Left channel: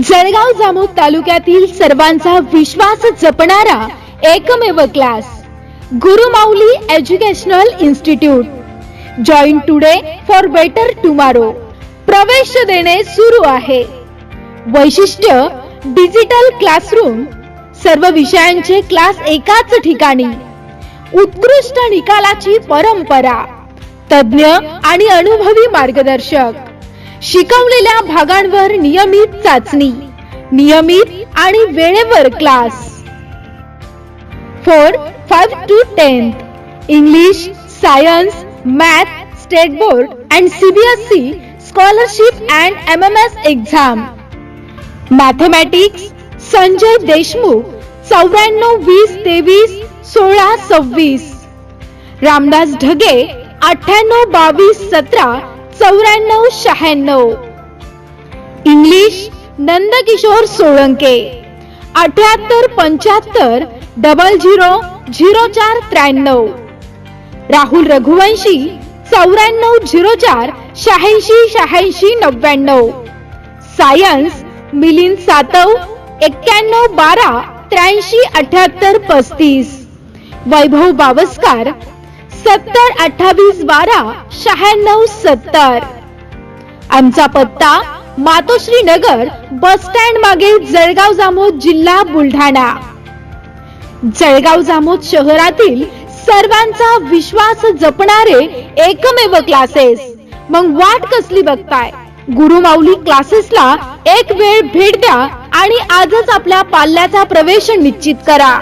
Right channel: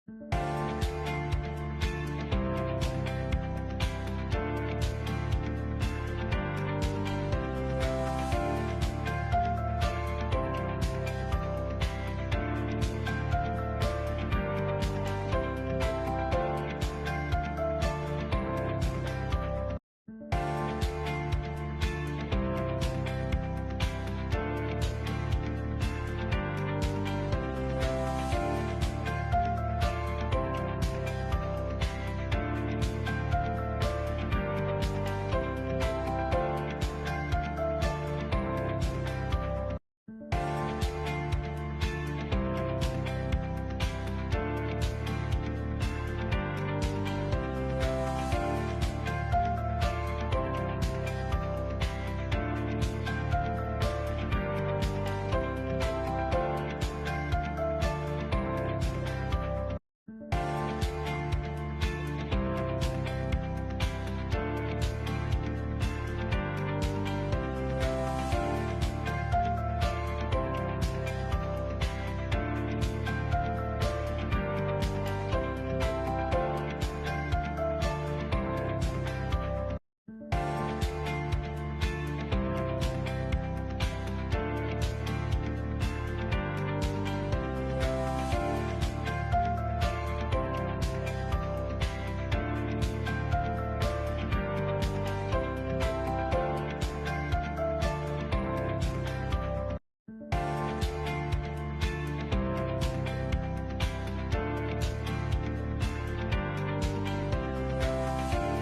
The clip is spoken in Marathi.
जळगाव जामोद तालुक्यातील सर्वांचा विश्वास जपणारा एकमेव class Gurumauli educational institute. Join today for better tomorrow प्रवेश देणे सुरू आहे. वैशिष्ट्य डिजिटल क्लासरूम सर्व विषयांचे क्लास एकाच ठिकाणी. उत्कृष्ट निकालाची परंपरा. तज्ञ आणि अनुभवी मार्गदर्शक. शिकवलेल्या भागांवर नियमित चाचणी नियमित आणि वेळेवर class. Four five to tenth English science math state board and CBSE scholarship and M M S exam mathematics Sanjay Deshmukh चौऱ्याण्णव वीस तेवीस सोळा सव्वीस. रामदास ढगे अठ्ठ्याण्णव बावीस सतरा चौऱ्याण्णव शहाण्णव. इंग्लिश नंदकिशोर सोळंके. अठ्याहत्तर पंच्याहत्तर डबल झिरो झिरो चार त्र्याण्णव. राहुल रघुवंशी चौऱ्याण्णव झिरो चार शहाऐंशी शहाऐंशी नव्याण्णव. सायन्स मिलिंद सातव एक्क्याण्णव बारा त्र्याऐंशी अठ्याहत्तर पस्तीस. वैभव बावस्कार सत्तर अठ्ठावीस बारा शहाण्णव सत्तर. आमचा पत्ता मातोश्री नगर बस स्टँड मागे जळगाव जामोद जिल्हा बुलढाणा. जळगाव जामोद शहरातील सर्वांचा विश्वास जपणारे एकमेव क्लासेस मग वाट कसली बघताय? गुरुमाऊली क्लासेसला एक वेळ भेट द्या आणि आजच आपल्या पाल्याचा प्रवेश निश्चित करा.